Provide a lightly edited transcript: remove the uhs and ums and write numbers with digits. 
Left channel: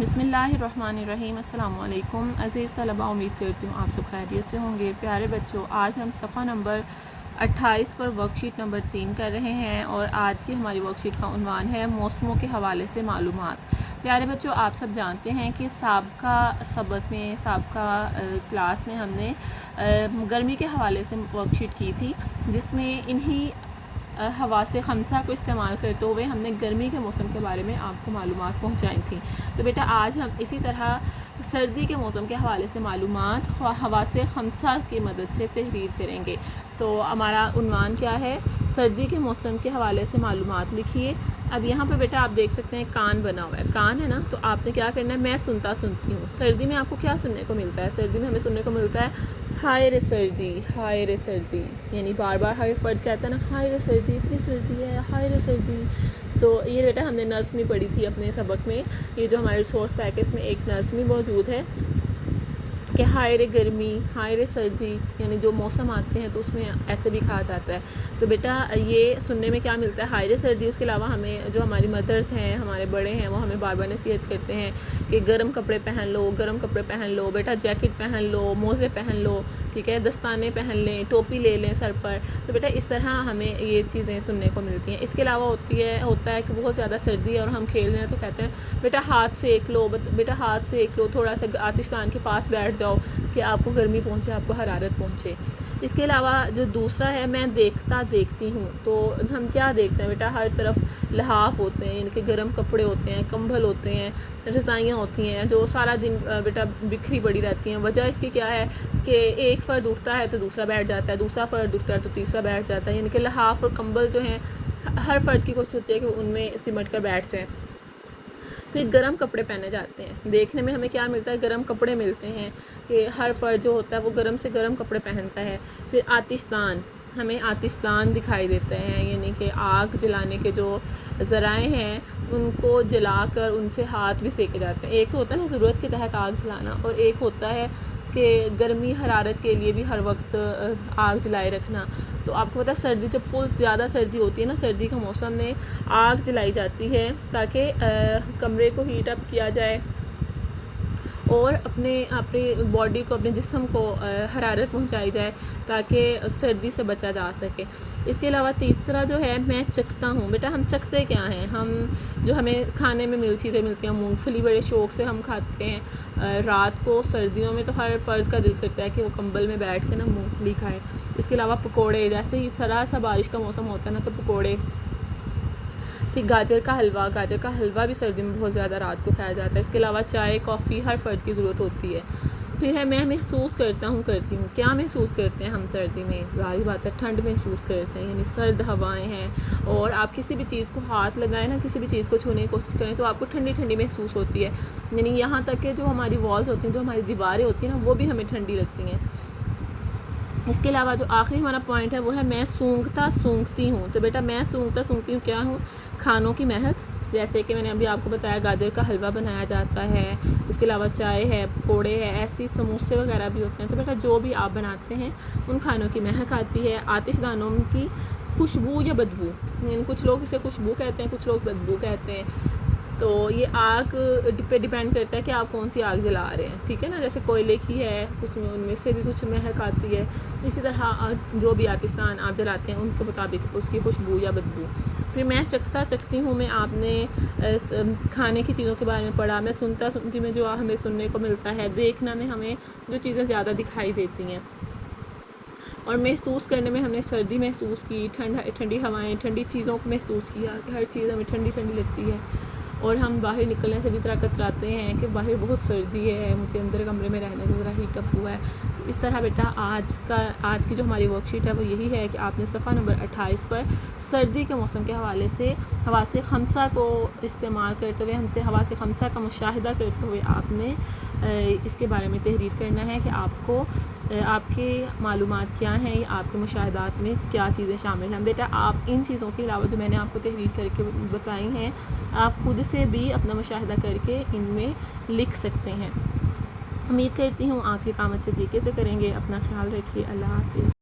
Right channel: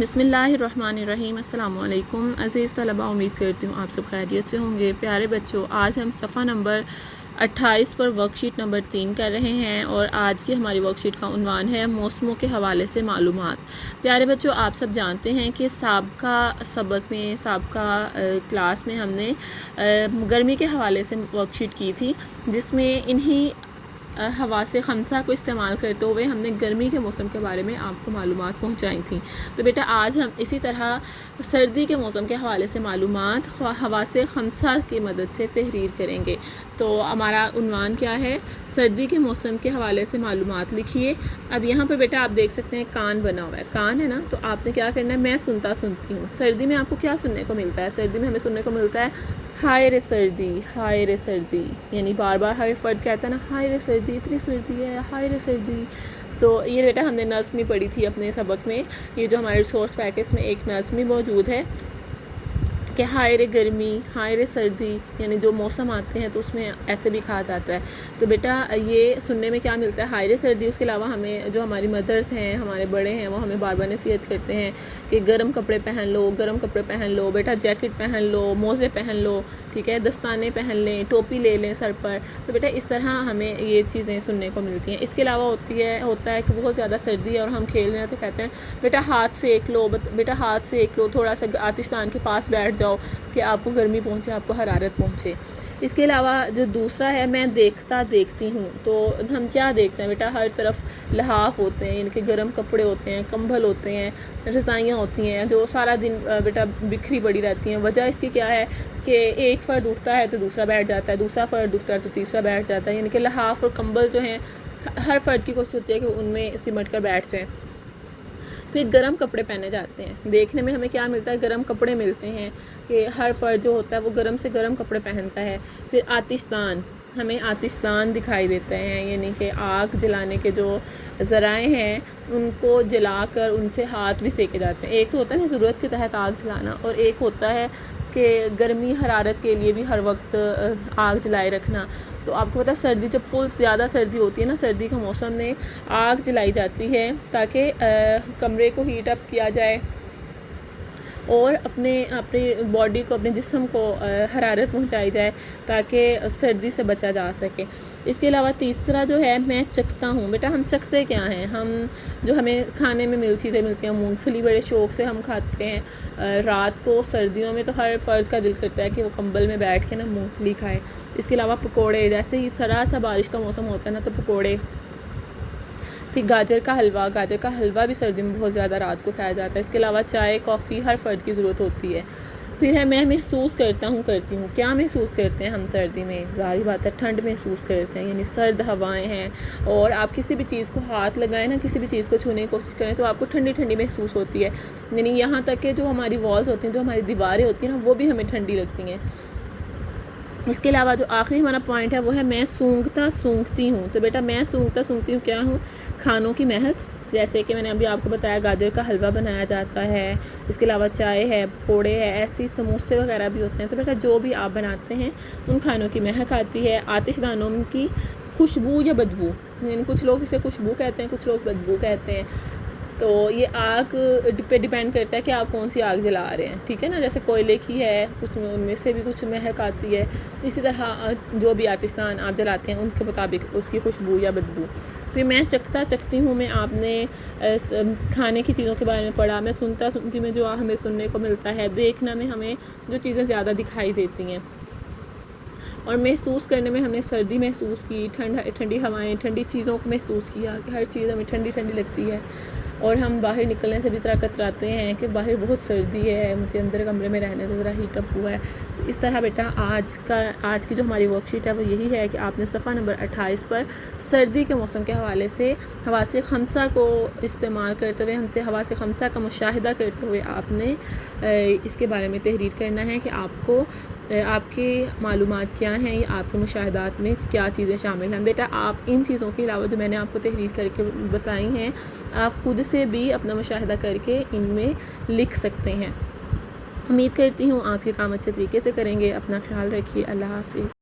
बिस्मिल्लाहिर्रहमानिर्रहीम। अस्सलाम वालेकुम अज़ीज़ तलबा, उम्मीद करती हूँ आप सब खैरियत से होंगे। प्यारे बच्चों, आज हम सफ़ा नंबर 28 पर वर्कशीट नंबर 3 कर रहे हैं और आज की हमारी वर्कशीट का उन्वान है मौसमों के हवाले से मालूमात। प्यारे बच्चों, आप सब जानते हैं कि साबका सबक में क्लास में हमने गर्मी के हवाले से वर्कशीट की थी, जिसमें इन्हीं हवासे खमसा को इस्तेमाल करते हुए हमने गर्मी के मौसम के बारे में आपको मालूमात पहुंचाई थी। तो बेटा आज हम इसी तरह सर्दी के मौसम के हवाले से मालूमात हवासे खमसा की मदद से तहरीर करेंगे। तो हमारा उन्वान क्या है? सर्दी के मौसम के हवाले से मालूमात लिखिए। अब यहाँ पर बेटा आप देख सकते हैं कान बना हुआ है, कान है ना, तो आपने क्या करना है, मैं सुनती हूँ। सर्दी में आपको क्या सुनने को मिलता है? सर्दी में हमें सुनने को मिलता है हाय रे सर्दी, हाय रे सर्दी, यानी बार बार हर फर्द कहता है ना, हाय रे सर्दी, इतनी सर्दी है, हाय रे सर्दी। तो ये बेटा हमने नज़्म ही पढ़ी थी अपने सबक में। ये जो हमारे रिसोर्स पैकेज में एक नज़्म ही मौजूद है कि हाय रे गर्मी, हाय रे सर्दी, यानी जो मौसम आते हैं तो उसमें ऐसे भी कहा जाता है। तो बेटा ये सुनने में क्या मिलता है? हाय रे सर्दी। उसके अलावा हमें जो हमारी मदर्स हैं, हमारे बड़े हैं, वो हमें बार बार नसीहत करते हैं कि गर्म कपड़े पहन लो, गर्म कपड़े पहन लो बेटा, जैकेट पहन लो, मोज़े पहन लो, ठीक है, दस्ताने पहन लें, टोपी ले लें सर पर। तो बेटा इस तरह हमें ये चीज़ें सुनने को मिलती हैं। इसके अलावा होता है कि बहुत ज़्यादा सर्दी है और हम खेल रहे हैं तो कहते हैं बेटा हाथ सेक लो, बेटा हाथ सेक लो, थोड़ा सा आतिशदान के पास बैठ जाओ कि आपको गर्मी पहुंचे, आपको हरारत पहुंचे। इसके अलावा जो दूसरा है, मैं देखती हूँ। तो हम क्या देखते हैं बेटा? हर तरफ लहाफ होते हैं, इनके गर्म कपड़े होते हैं, कंबल होते हैं, रज़ाइयाँ होती हैं जो सारा दिन बेटा बिखरी पड़ी रहती हैं। वजह इसकी क्या है कि एक फ़र्द उठता है तो दूसरा बैठ जाता है, दूसरा फ़र्द उठता है तो तीसरा बैठ जाता है। यानी कि लहाफ और कंबल जो हैं हर फ़र्द की कोशिश होती है कि उनमें सिमट कर बैठ जाएँ। फिर गर्म कपड़े पहने जाते हैं। देखने में हमें क्या मिलता है? गर्म कपड़े मिलते हैं कि हर फर्द जो होता है वो गर्म से गर्म कपड़े पहनता है। फिर आतिशदान, हमें आतिशदान दिखाई देते हैं, यानी कि आग जलाने के जो ज़राए हैं उनको जलाकर उनसे हाथ भी सेके जाते हैं। एक तो होता है ना ज़रूरत के तहत आग जलाना, और एक होता है कि गर्मी हरारत के लिए भी हर वक्त आग जलाए रखना। तो आपको पता है सर्दी जब फुल ज़्यादा सर्दी होती है ना, सर्दी के मौसम में आग जलाई जाती है ताकि कमरे को हीट अप किया जाए और अपने बॉडी को, अपने जिस्म को हरारत पहुंचाई जाए ताकि सर्दी से बचा जा सके। इसके अलावा तीसरा जो है, मैं चखता हूँ। बेटा हम चखते क्या हैं? हम जो हमें खाने में चीज़ें मिलती हैं, मूंगफली बड़े शौक़ से हम खाते हैं। रात को सर्दियों में तो हर फर्द का दिल करता है कि वो कंबल में बैठ के ना मूंगफली खाए। इसके अलावा पकोड़े, जैसे ही ज़रा सा बारिश का मौसम होता है ना तो पकोड़े। फिर गाजर का हलवा भी सर्दी में बहुत ज़्यादा रात को खाया जाता है। इसके अलावा चाय, कॉफ़ी हर फर्द की ज़रूरत होती है। फिर है मैं महसूस करती हूँ। क्या महसूस करते हैं हम सर्दी में? ज़ाहिर बात है ठंड महसूस करते हैं, यानी सर्द हवाएं हैं। और आप किसी भी चीज़ को हाथ लगाएं ना, किसी भी चीज़ को छूने की कोशिश करें तो आपको ठंडी ठंडी महसूस होती है। यानी यहाँ तक कि जो हमारी वॉल्स होती हैं, जो हमारी दीवारें होती हैं ना, वो भी हमें ठंडी लगती हैं। इसके अलावा जो आखिरी हमारा पॉइंट है वो है मैं सूंघती हूँ। तो बेटा मैं सूंघती हूँ क्या हूँ? खानों की महक। जैसे कि मैंने अभी आपको बताया गाजर का हलवा बनाया जाता है, इसके अलावा चाय है, पकोड़े है, ऐसी समोसे वगैरह भी होते हैं। तो बेटा जो भी आप बनाते हैं उन खानों की महक आती है। आतिशदानों की खुशबू या बदबू, यानी कुछ लोग इसे खुशबू कहते हैं, कुछ लोग बदबू कहते हैं। तो ये आग पे डिपेंड करता है कि आप कौन सी आग जला रहे हैं, ठीक है ना। जैसे कोयले की है, कुछ उनमें से भी कुछ महक आती है। इसी तरह जो भी आतिशदान आप जलाते हैं उनके मुताबिक उसकी खुशबू या बदबू। फिर मैं चखती हूँ में आपने खाने की चीज़ों के बारे में पढ़ा। मैं सुनती में जो हमें सुनने को मिलता है। देखना में हमें जो चीज़ें ज़्यादा दिखाई देती हैं। और महसूस करने में हमने सर्दी महसूस की, ठंडी हवाएं, ठंडी चीज़ों को महसूस किया कि हर चीज़ हमें ठंडी ठंडी लगती है। और हम बाहर निकलने से भी ज़रा कतराते हैं कि बाहर बहुत सर्दी है, मुझे अंदर कमरे में रहने तो ज़रा हीट अप हुआ है। तो इस तरह बेटा आज की जो हमारी वर्कशीट है वो यही है कि आपने सफ़ा नंबर 28 पर सर्दी के मौसम के हवाले से हवासे खमसा को इस्तेमाल करते हुए, हमसे हवासे खमसा का मुशाहिदा करते हुए आपने इसके बारे में तहरीर करना है कि आपके मालूमात क्या हैं, या आपके मुशाहिदात में क्या चीज़ें शामिल हैं। बेटा आप इन चीज़ों के अलावा जो मैंने आपको तहरीर करके बताई हैं, आप खुद से भी अपना मुशाहिदा करके इनमें लिख सकते हैं। उम्मीद करती हूँ आप ये काम अच्छे तरीके से करेंगे। अपना ख्याल रखिए। अल्लाह हाफ़िज़।